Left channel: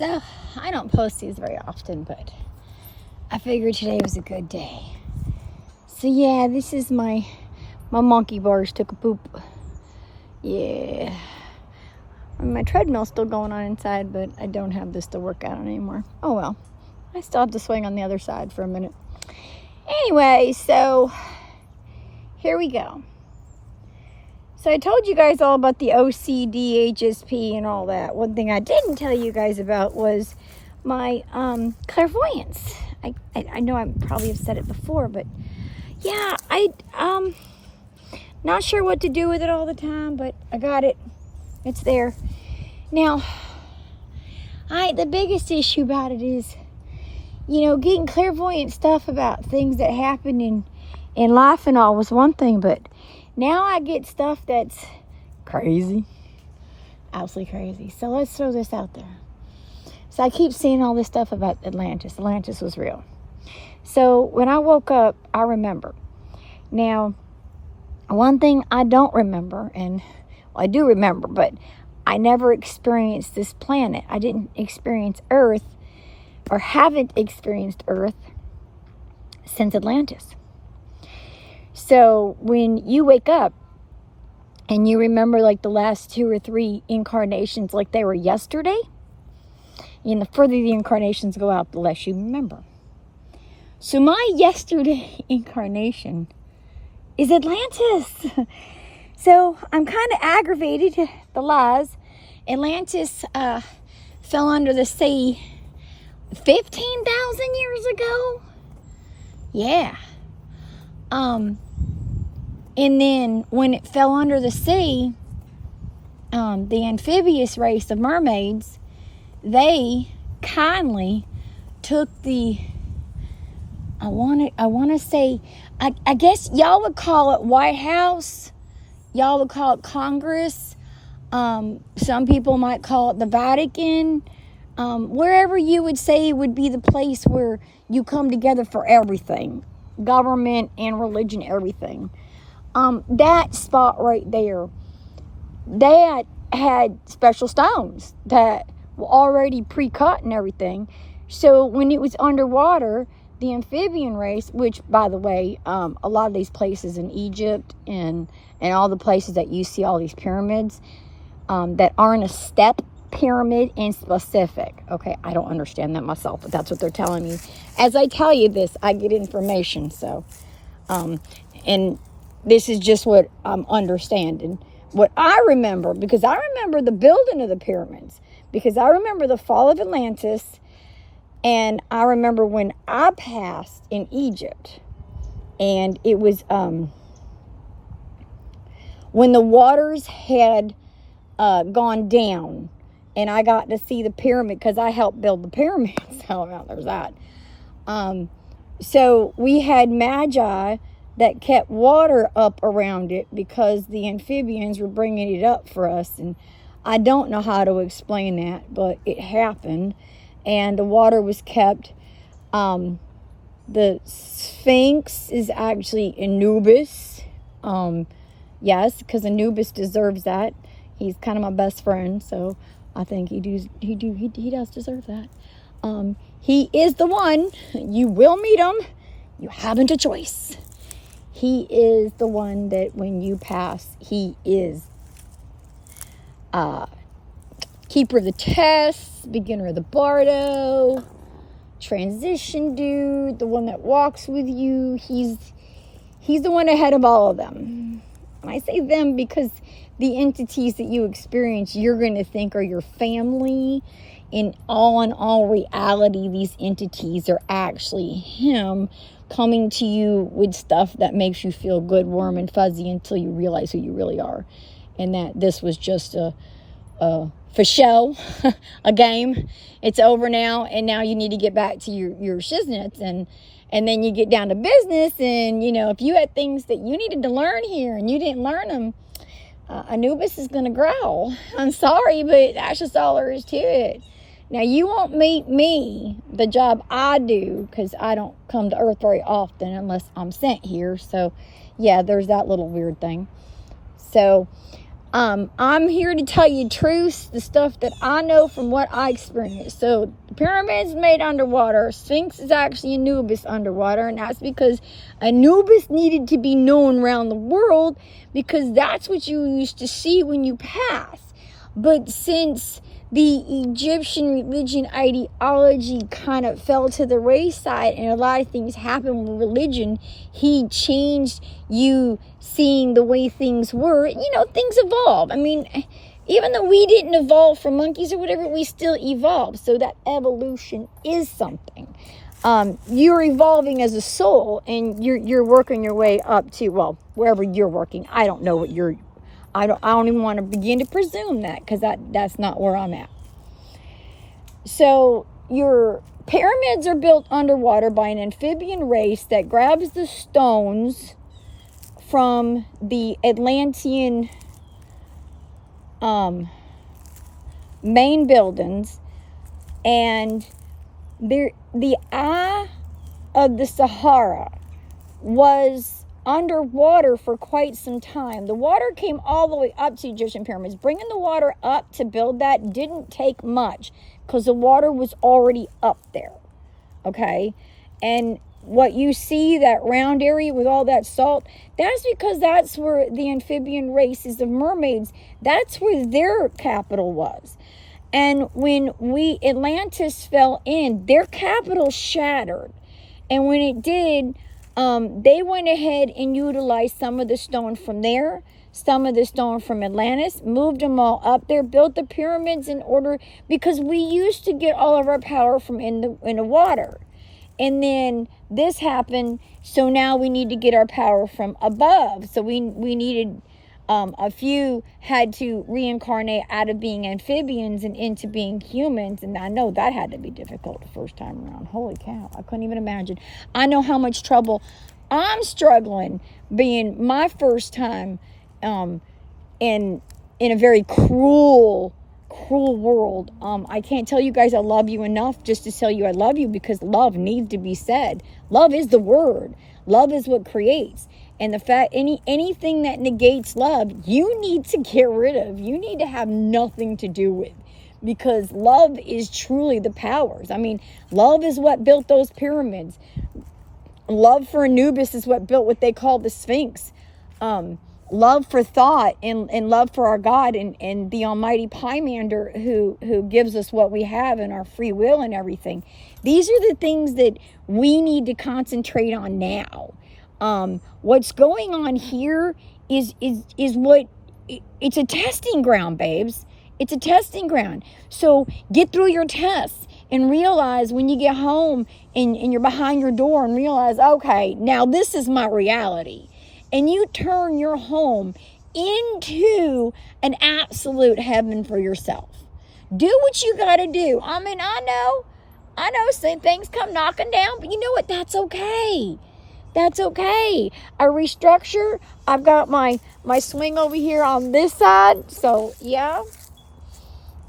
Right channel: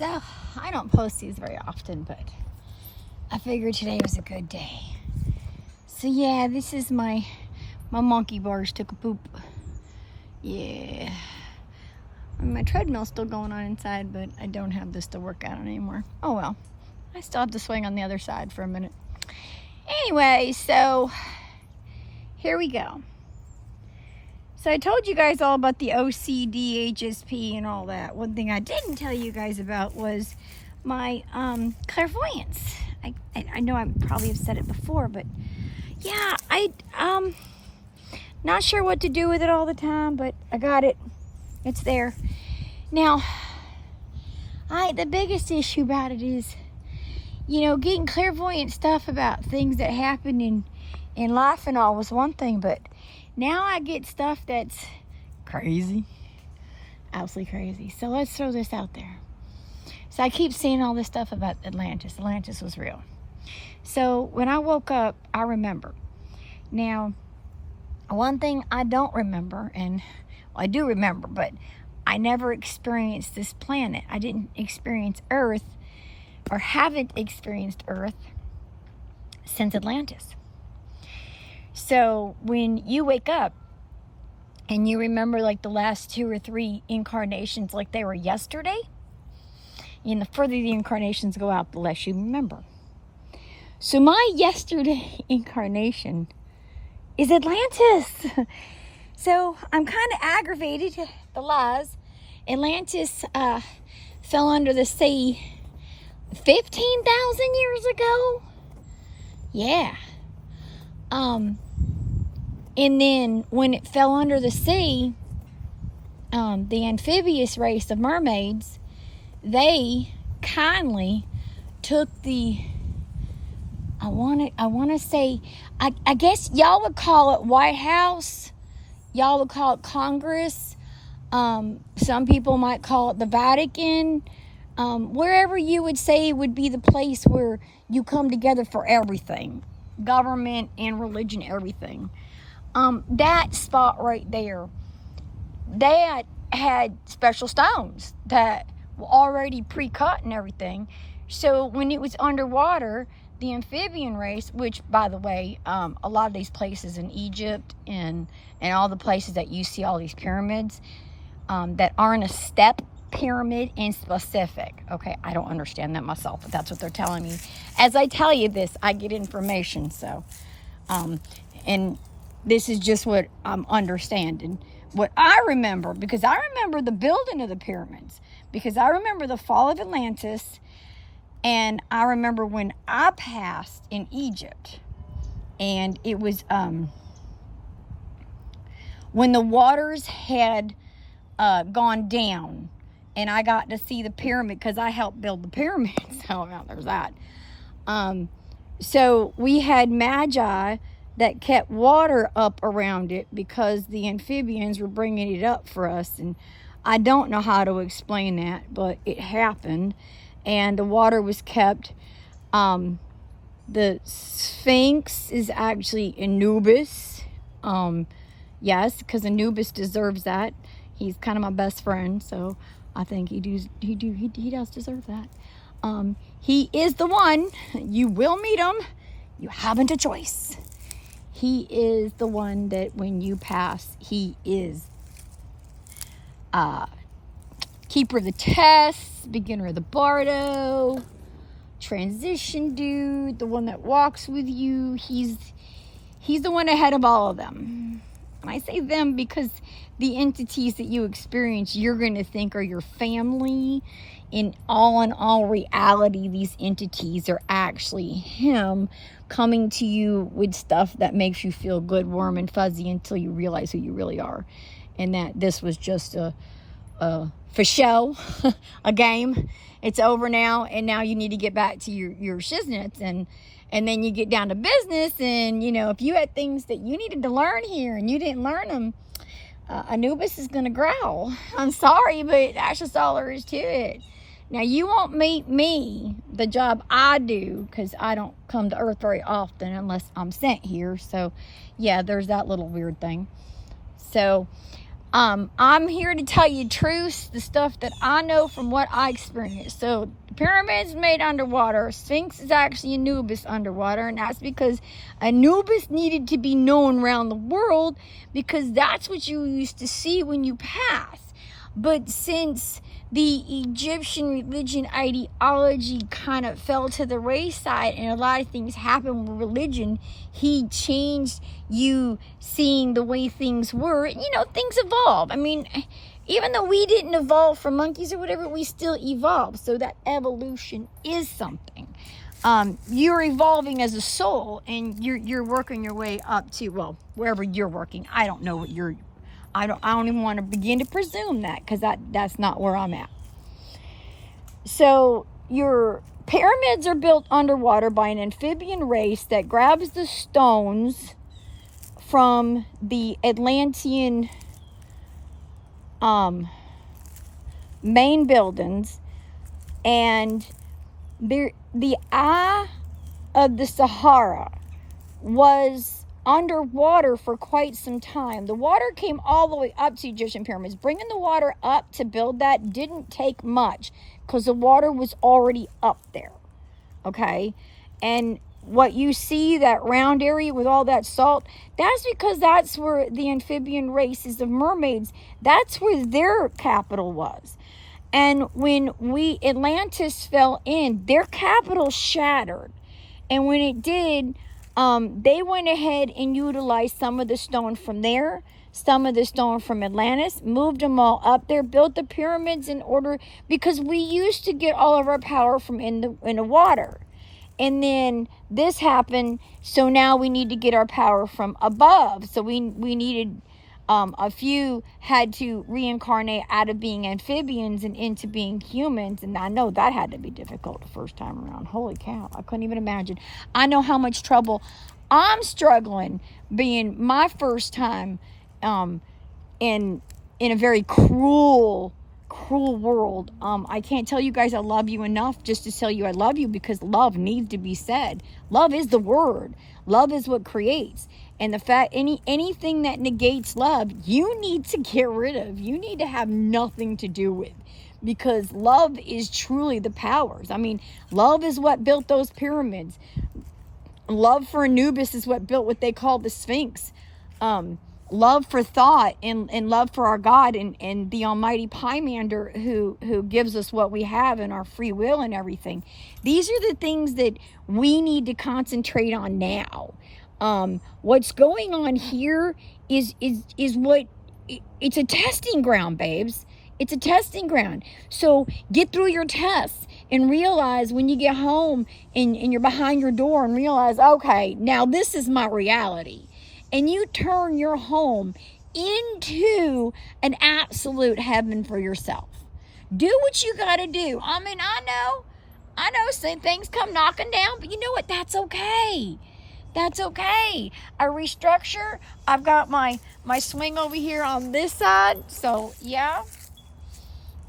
So, I don't post these very often, but I figured today was a good day. So yeah, this is my monkey bars took a poop. Yeah. My treadmill's still going on inside, but I don't have this to work out on anymore. Oh well. I still have to swing on the other side for a minute. Anyway, so here we go. So I told you guys all about the OCD, HSP, and all that. One thing I didn't tell you guys about was my clairvoyance. I know I probably have said it before, but yeah, not sure what to do with it all the time, but I got it. It's there. Now, the biggest issue about it is, getting clairvoyant stuff about things that happen in life and all was one thing, but now I get stuff that's crazy. Absolutely crazy. So let's throw this out there. So I keep seeing all this stuff about Atlantis. Atlantis was real. So when I woke up, I remember. Now, one thing I don't remember, and I do remember, but I never experienced this planet. I didn't experience Earth, or haven't experienced Earth since Atlantis. So when you wake up and you remember like the last 2 or 3 incarnations like they were yesterday, the further the incarnations go out, the less you remember. So my yesterday incarnation is Atlantis. So I'm kind of aggravated, the lies. Atlantis fell under the sea 15,000 years ago. Yeah. And then when it fell under the sea, the amphibious race of mermaids, they kindly took the, I want to say, I guess y'all would call it White House. Y'all would call it Congress. Some people might call it the Vatican. Wherever you would say would be the place where you come together for everything. Government and religion, everything. That spot right there, that had special stones that were already pre-cut and everything. So when it was underwater, the amphibian race, which by the way, a lot of these places in Egypt and all the places that you see all these pyramids that aren't a step pyramid in specific. Okay, I don't understand that myself, but that's what they're telling me. As I tell you this, I get information. So, and this is just what I'm understanding. What I remember, because I remember the building of the pyramids, because I remember the fall of Atlantis, and I remember when I passed in Egypt, and it was when the waters had gone down, and I got to see the pyramid because I helped build the pyramids. So now there's that. So we had magi that kept water up around it because the amphibians were bringing it up for us. And I don't know how to explain that, but it happened. And the water was kept. The Sphinx is actually Anubis. Yes, because Anubis deserves that. He's kind of my best friend, so I think he does deserve that. He is the one. You will meet him. You haven't a choice. He is the one that when you pass, he is keeper of the tests, beginner of the bardo, transition dude, the one that walks with you. He's the one ahead of all of them. And I say them because the entities that you experience, you're going to think are your family. In all reality, these entities are actually him coming to you with stuff that makes you feel good, warm, and fuzzy until you realize who you really are. And that this was just a for show, a game. It's over now, and now you need to get back to your shiznits, and then you get down to business, and if you had things that you needed to learn here and you didn't learn them, Anubis is going to growl. I'm sorry, but that's just all there is to it. Now, you won't meet me, the job I do, because I don't come to Earth very often unless I'm sent here. So, yeah, there's that little weird thing. So, I'm here to tell you truth, the stuff that I know from what I experienced. So the pyramids made underwater. Sphinx is actually Anubis underwater, and that's because Anubis needed to be known around the world because that's what you used to see when you pass. But since the Egyptian religion ideology kind of fell to the wayside and a lot of things happened with religion, he changed you seeing the way things were. You know, things evolve. I mean, even though we didn't evolve from monkeys or whatever, we still evolved. So that evolution is something. You're evolving as a soul, and you're working your way up to, well, wherever you're working. I don't know what you're. I don't even want to begin to presume that, because that's not where I'm at. So your pyramids are built underwater by an amphibian race that grabs the stones from the Atlantean main buildings, and the eye of the Sahara was underwater for quite some time. The water came all the way up to Egyptian pyramids. Bringing the water up to build that didn't take much because the water was already up there. Okay? And what you see, that round area with all that salt, that's because that's where the amphibian races of mermaids, that's where their capital was. And when Atlantis fell in, their capital shattered. And when it did, they went ahead and utilized some of the stone from there, some of the stone from Atlantis, moved them all up there, built the pyramids in order, because we used to get all of our power from in the water. And then this happened, so now we need to get our power from above. So we needed, a few had to reincarnate out of being amphibians and into being humans. And I know that had to be difficult the first time around. Holy cow, I couldn't even imagine. I know how much trouble I'm struggling being my first time in a very cruel world. I can't tell you guys I love you enough just to tell you I love you, because love needs to be said. Love is the word. Love is what creates. And the fact, anything that negates love, you need to get rid of. You need to have nothing to do with, because love is truly the powers. I mean, love is what built those pyramids. Love for Anubis is what built what they call the Sphinx. Love for thought and love for our God and the almighty Pymander who gives us what we have and our free will and everything. These are the things that we need to concentrate on now. What's going on here is what, it's a testing ground, babes. It's a testing ground. So get through your tests and realize when you get home and you're behind your door and realize, okay, now this is my reality. And you turn your home into an absolute heaven for yourself. Do what you got to do. I mean, I know some things come knocking down, but you know what? That's okay. That's okay. I restructure. I've got my swing over here on this side. So, yeah,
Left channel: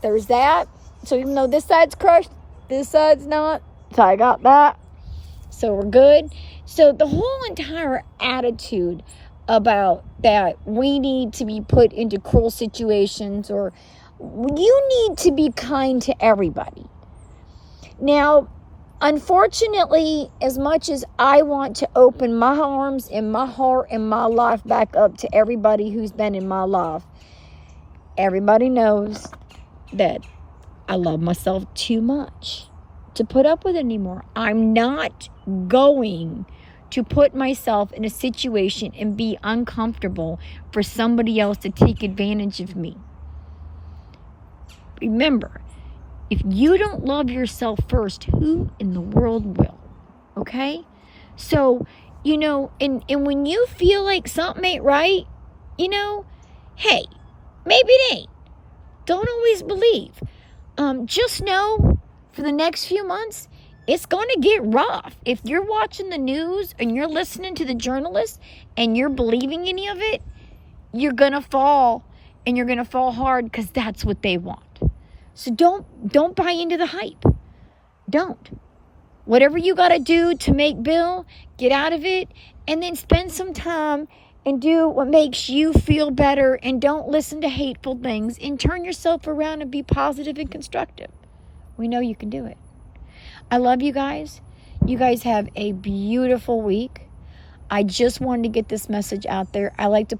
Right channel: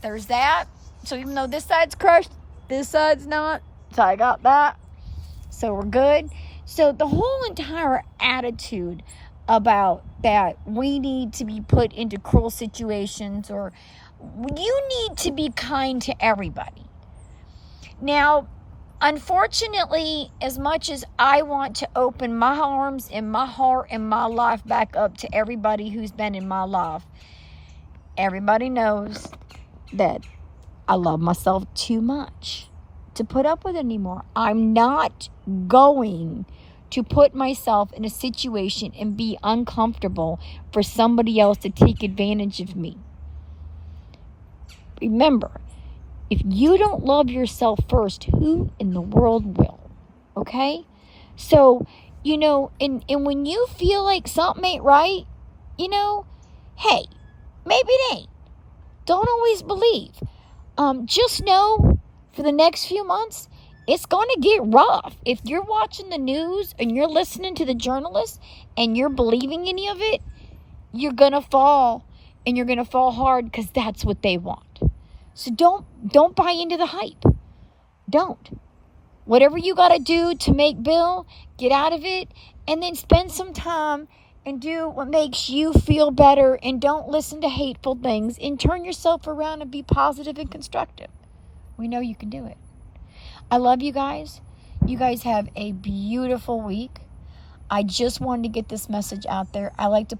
there's that. So even though this side's crushed, this side's not. So I got that. So we're good. So the whole entire attitude about that we need to be put into cruel situations, or you need to be kind to everybody. Now, unfortunately, as much as I want to open my arms and my heart and my life back up to everybody who's been in my life, everybody knows that I love myself too much to put up with anymore. I'm not going to put myself in a situation and be uncomfortable for somebody else to take advantage of me. Remember, if you don't love yourself first, who in the world will? Okay? So, and when you feel like something ain't right, hey, maybe it ain't. Don't always believe. Just know for the next few months, it's going to get rough. If you're watching the news and you're listening to the journalists and you're believing any of it, you're going to fall, and you're going to fall hard, because that's what they want. So don't buy into the hype. Don't. Whatever you got to do to make Bill, get out of it, and then spend some time and do what makes you feel better, and don't listen to hateful things, and turn yourself around and be positive and constructive. We know you can do it. I love you guys. You guys have a beautiful week. I just wanted to get this message out there. I like to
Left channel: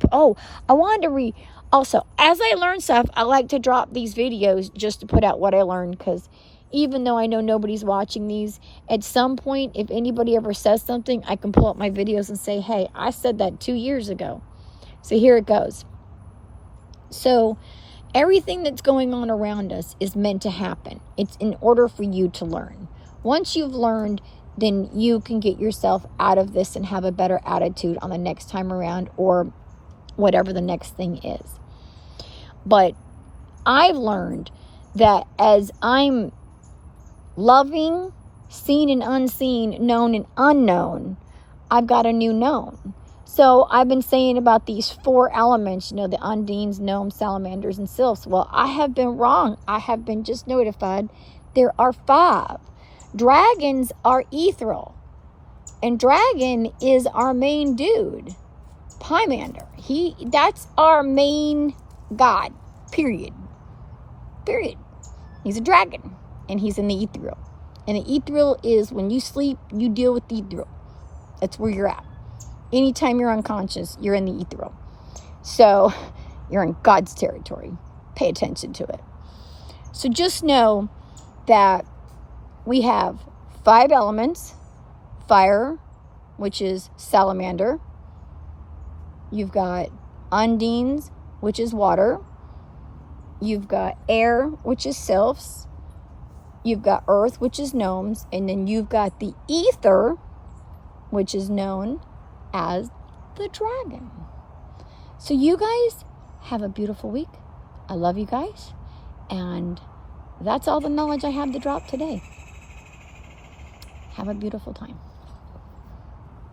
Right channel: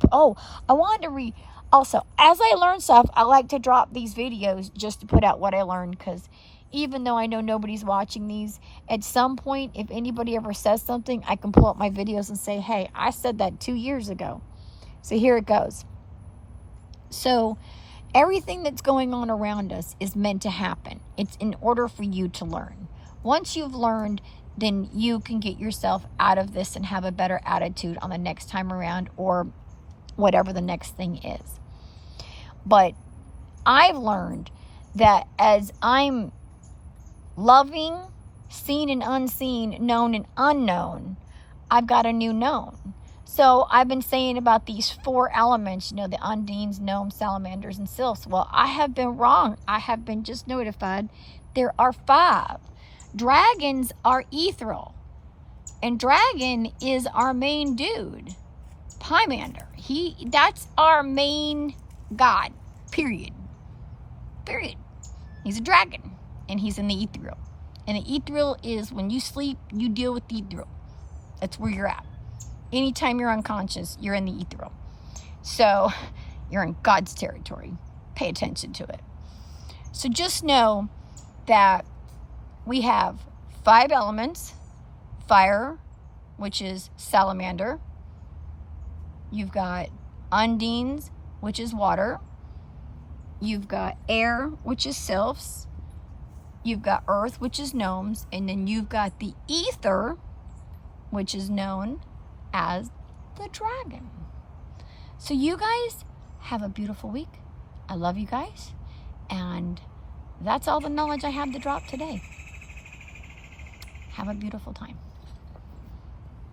I wanted to also, as I learn stuff, I like to drop these videos just to put out what I learned, because even though I know nobody's watching these, at some point, if anybody ever says something, I can pull up my videos and say, hey, I said that 2 years ago. So here it goes. So everything that's going on around us is meant to happen. It's in order for you to learn. Once you've learned, then you can get yourself out of this and have a better attitude on the next time around, or whatever the next thing is. But I've learned that as I'm loving, seen and unseen, known and unknown, I've got a new known. So I've been saying about these 4 elements, the undines, gnomes, salamanders, and sylphs. Well, I have been wrong. I have been just notified there are 5. Dragons are ethereal. And dragon is our main dude, Pymander. That's our main god, period. He's a dragon, and he's in the ethereal. And the ethereal is when you sleep, you deal with the ethereal. That's where you're at. Anytime you're unconscious, you're in the ethereal. So you're in God's territory. Pay attention to it. So just know that we have 5 elements. Fire, which is salamander. You've got undines, which is water. You've got air, which is sylphs. You've got earth, which is gnomes. And then you've got the ether, which is known as the dragon. So you guys have a beautiful week. I love you guys. And that's all the knowledge I have to drop today. Have a beautiful time.